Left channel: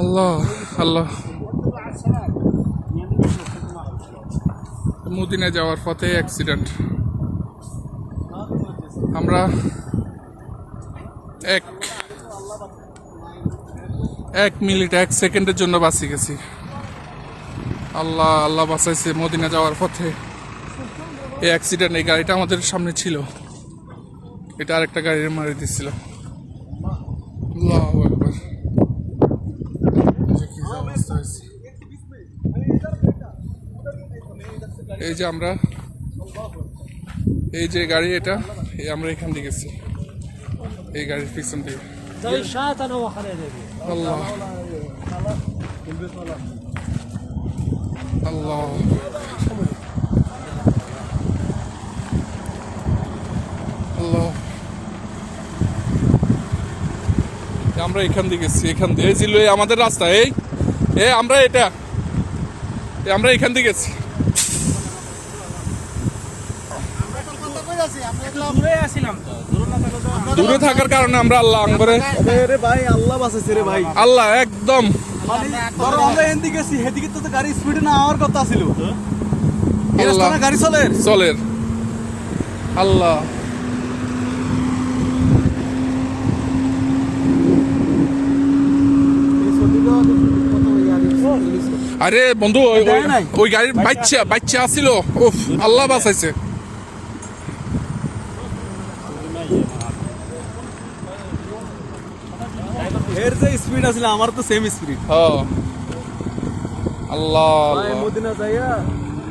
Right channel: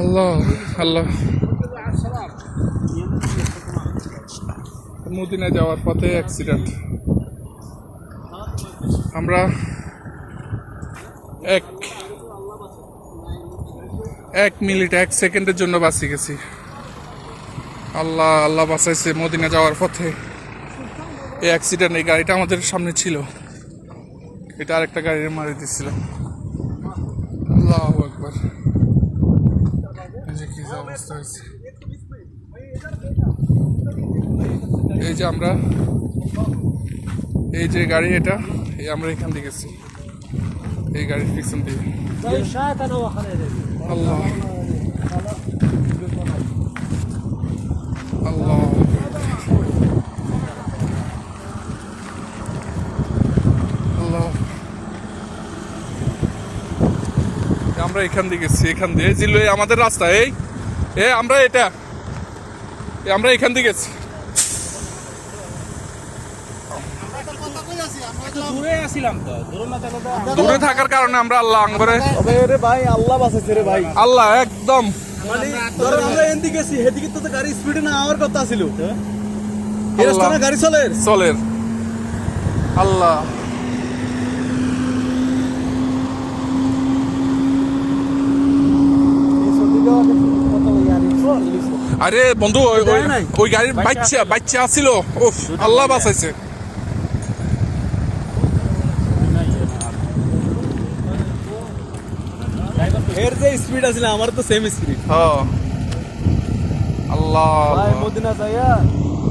আল্লাহ আল্লাহ। Medina যাওয়ার পথে accident. আমরা এক মিনিট 1 সেকেন্ডের জন্য বাঁচি গেছি। আল্লাহ আল্লাহ বাঁচাইছে। মদিনা যাওয়ার পথে এই অ্যাক্সিডেন্ট। এই গাড়িটা আমাদের সামনে ছিল, এটা আরেকটা গাড়ি মারি দিচ্ছিল। আল্লাহু আকবার। কি অবস্থা হয়েছে। এই যে আমরা, এই যে গাড়ি, এটা আমরা এখান থেকে গেছি, এই গাড়ির পিছন থেকে। আল্লাহ আল্লাহ আল্লাহ। আমরা এখান দিয়ে গেছি, এখান দিয়ে ছিল আমাদের রাস্তা। এই আমরা আমরা এখান দিয়ে গেছি। দূরে থাকার কারণে আমরা আল্লাহ আঙ্গরে ভাই আল্লাহ বাঁচাইছে রে ভাই। আল্লাহ একদম আমরা এদিকে গেছি, এদিকে তো গাড়ি স্পিডে না হওয়ার কথা ছিল। গাড়ি চলে আল্লাহ। আরে বন্ধু, ওই গাড়ির বাচ্চা আসছিল। উফ, আল্লাহ বাঁচাইছে। এর যে স্পিড আছে আমার তো সেম স্পিড। আল্লাহ মদিনা যাইয়া,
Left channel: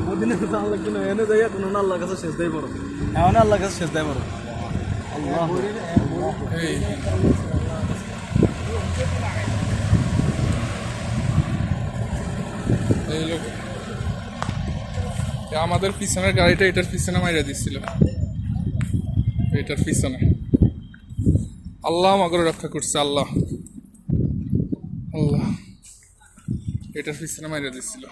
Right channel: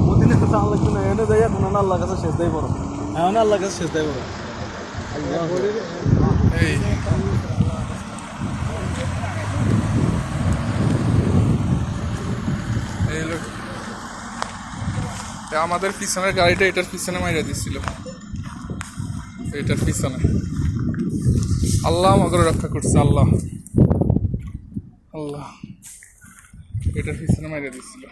মদিনা তো আল্লাহ কিনা এনে যাইয়া কোন আল্লাহ কাছে শেষ দেই করো, এমন আল্লাহ কাছে শেষ দেই করো। আমাদের পিছনের গাড়িটা এটার পিছনে মাইরা দিচ্ছিল, এটার পিছনে। আল্লাহ আমাকে রক্ষা করছে। আল্লাহ আল্লাহ, এটার পিছনে মাইরা দিচ্ছিল।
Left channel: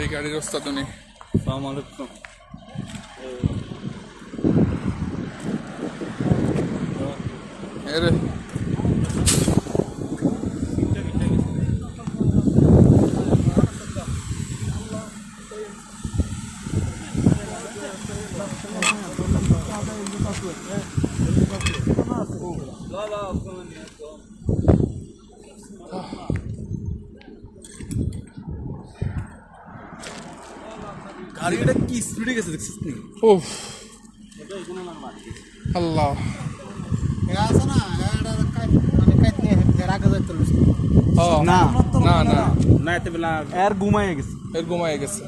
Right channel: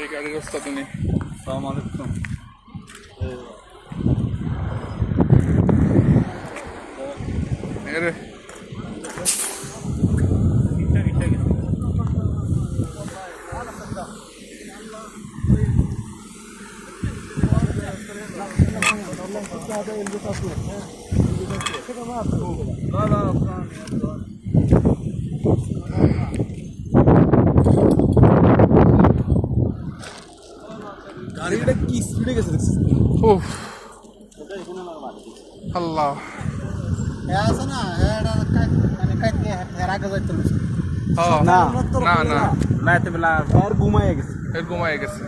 এই গাড়ির অবস্থা তো নেই। এরে গাড়িটা কি স্পিডে গেছে দেখছিস? উফ আল্লাহ। না না না, এর ঘুমাইয়া গেছে, এর ঘুমাই গেছে।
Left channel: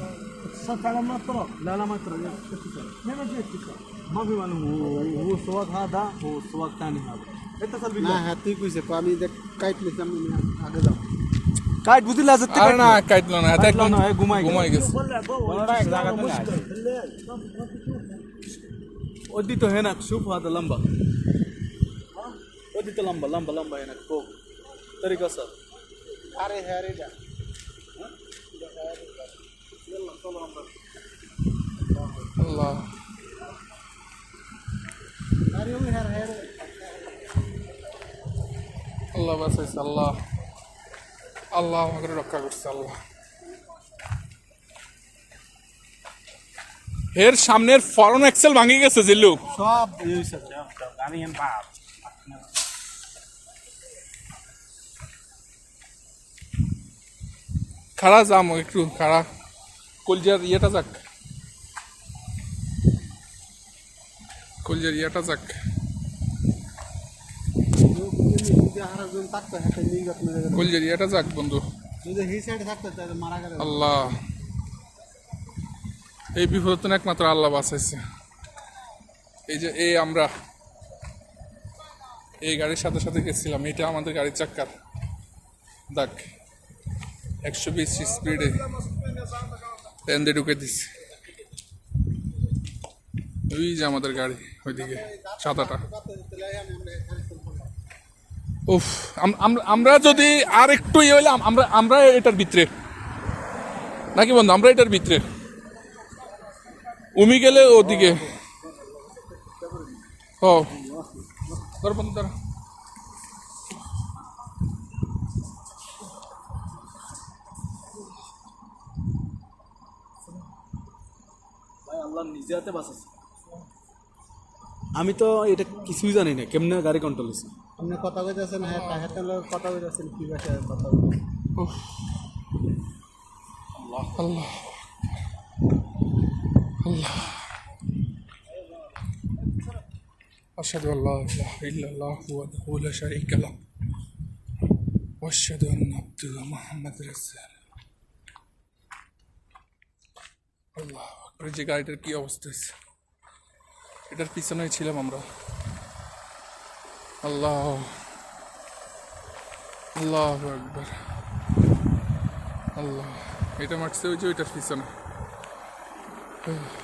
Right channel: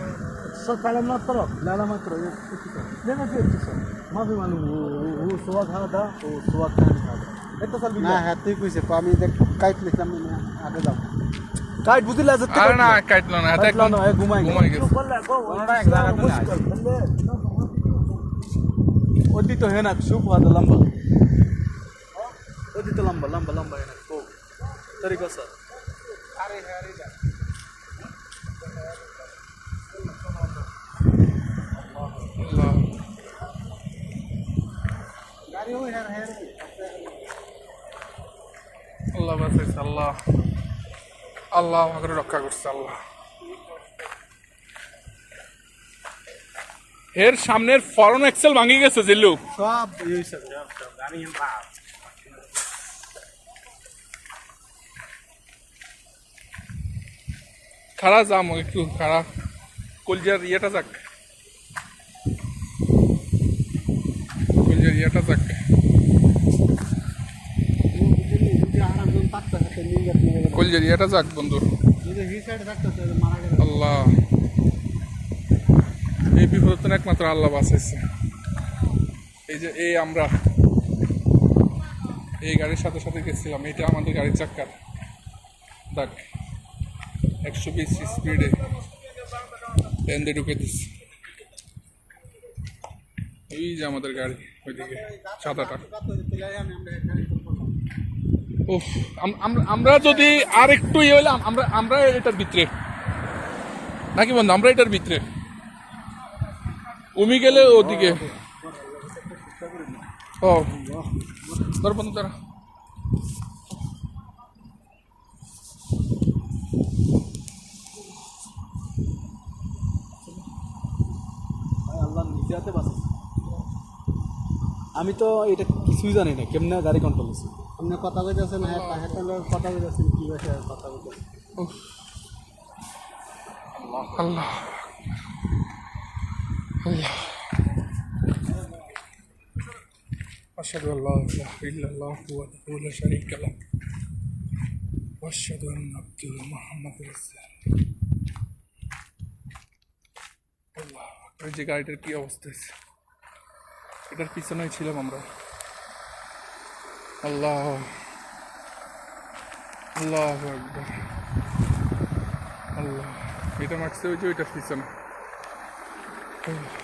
কাইট বুঝিলা যে আরে না, কাটলো না, হাতে একদম ঘুমাই গেছে। ওদি তো হেনা সুপ হাত লম্বা, ওদি তো লম্বা লম্বা লম্বা হেনা কো তরিকা স্যার। আরে হ্যাঁ রে যা আল্লাহ আল্লাহ বাঁচাইছে। আল্লাহ আল্লাহ আমাকে রক্ষা করছে। আল্লাহ, এর সামনের ফরন এক্সেল ভাঙি গেছে জিল্লু সব। খাড়া যাম, একটু খাড়া কলজার ইয়েটা যাক, কলজার ইয়েটা যাক। কলজার ইয়েটা যাক বন্ধু। আল্লাহ, এই বিপদ তো একমাত্র আল্লাহ বাঁচাইছে। এই যে আমরা এই গাড়ির সাথে সাথে গেছিলাম, এটা আমাদের গাড়ির চাক্কার দাগ। 120 স্পিডে পেন্দে ঢুকে দিচ্ছে। ওই যে আমাদের গাড়ি ওইদিকে সাদাটা। উফ, আমরা যদি আর একটু ইয়ে হইলাম, আমরা এটার ভিতরে নাকি বন্ধু, আমরা এটার ভিতরে উমি গেলে ওদিকে ও তোর বন্ধু তোর ভাই আল্লাহ নিজে হাতে বাঁচাচ্ছে। আমি তো এটা কিছুই জানি না কেমনে গাড়ি কন্ট্রোল হয়েছে। আপনি কথা কইতেছেন, হ্যাঁ তাহের লোক কথা কইতেছেন, কি ভাষায় কথা কইতেছেন? উফ, আল্লাহ আল্লাহ أشهد أن لا إله إلا الله وحده لا شريك له وأشهد أن عبده محمد رسول আল্লাহ আকবার। এই যে গাড়িটার কি অবস্থা হয়েছে, এটার পিছনেই ছিলাম আমরা। আল্লাহ আল্লাহ আকবার। আল্লাহ, এটা মারছে ওই যে ওইটার পিছনে। আল্লাহ